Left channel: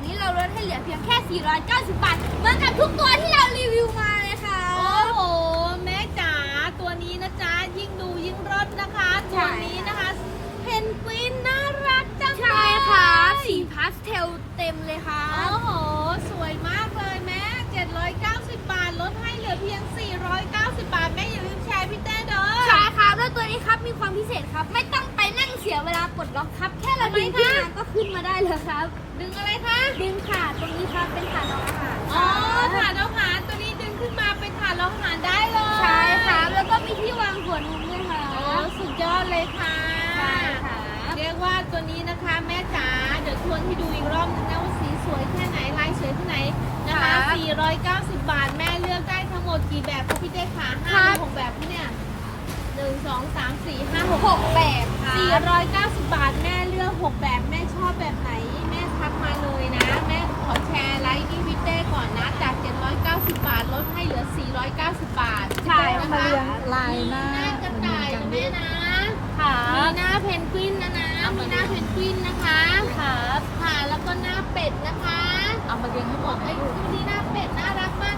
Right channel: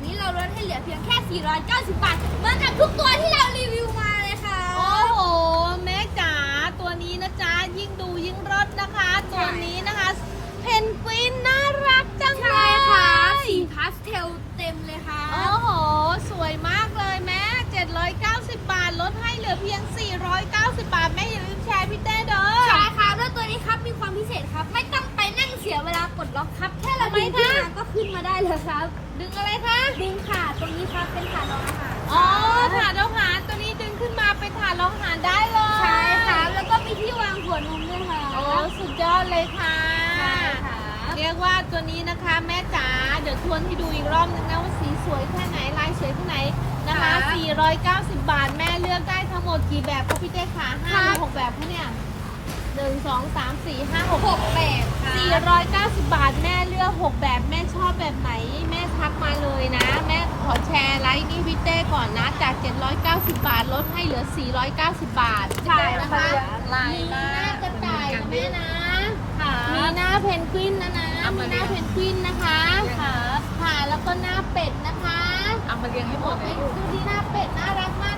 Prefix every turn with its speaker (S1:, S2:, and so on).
S1: วันนี้เราลดให้เหลือเพียงแค่ 490 บาท เหมือนกับทุกตัวที่เรารีวิวมาเลยค่ะ
S2: โอ้โห แม่จ๋า ตัวนี้นะจ๊ะ ยิ่งดูยิ่งรสนะคะ
S1: ใช่
S2: ตัวนี้นะคะ เพนกวินน่ารักจังเลย
S1: ใช่ครับสีพาสเทลเต็มเลยครั
S2: โอ้
S1: บ
S2: โห สวยมากเลยแม่ 790 บาท ลดให้เหลือเพียง 490 บาท แม่อย่าลืมแชร์พี่เต้เด้อ
S1: ใช่ครับแล้วตัวนี้ครับมีความพิเศษครับ ไม่ต้องไปนั่งเสียเวลากดล็อกครับแค่เรา ดึงขึ้นมาก็ขึ้นมาได้เลยครับ
S2: ดึงอะไรคะ
S1: ดึงขาตรงนี้ครับเป็นฐานรองอาหารค
S2: อ๋อ
S1: รับ
S2: ถาดอาหารตัวนี้ดึงขึ้นมาเป็นถาดอาหารได้เลย
S1: ใช่ครับแล้วก็มีที่วางหัวนมด้วยครั
S2: โอ้
S1: บ
S2: สุดยอดเลยค่ะ
S1: ใช่ครับ
S2: เรียกว่าตัวนี้นะคะแม่จ๋าเดี๋ยวทวนให้ดูอีกรอบนึงนะว่าสีสวยแค่ไหนลายสวยแค่ไหนนะคะ 490 บาทแม่เลือกได้ทั้งหมดกี่แบบคะพี่เจ๊ขาห้าหกแบบคะเนี่ยหนึ่งสองสามสี่ห้าหก
S1: หกแปดครั
S2: สี่
S1: บ
S2: ร้อยเก้าสิบบาทแม่เลือ กหกแบบแม่ชอบแบบไหน แม่ทักมาเลยนะ แม่ขอแชร์ไลน์นี่พี่เต้ก่อนนะ จาก 790 บาทลดให้เหลือ 490 บาท
S1: ใช่ค่ะ
S2: ลายหน้ากระต่ายนะแม่นะ
S1: ครั
S2: มี
S1: บ
S2: หน้าเพนกวินนะนะมีหน้าเพนกวินนะคะ
S1: ครับ
S2: ค่ะแล้วก็หน้าเป็ดนะคะ
S3: เอามาเรียงให้หมด
S2: ไอ้
S3: เลยลูก
S2: คู่ที่หน้าเป็ดน่ารักมากเลย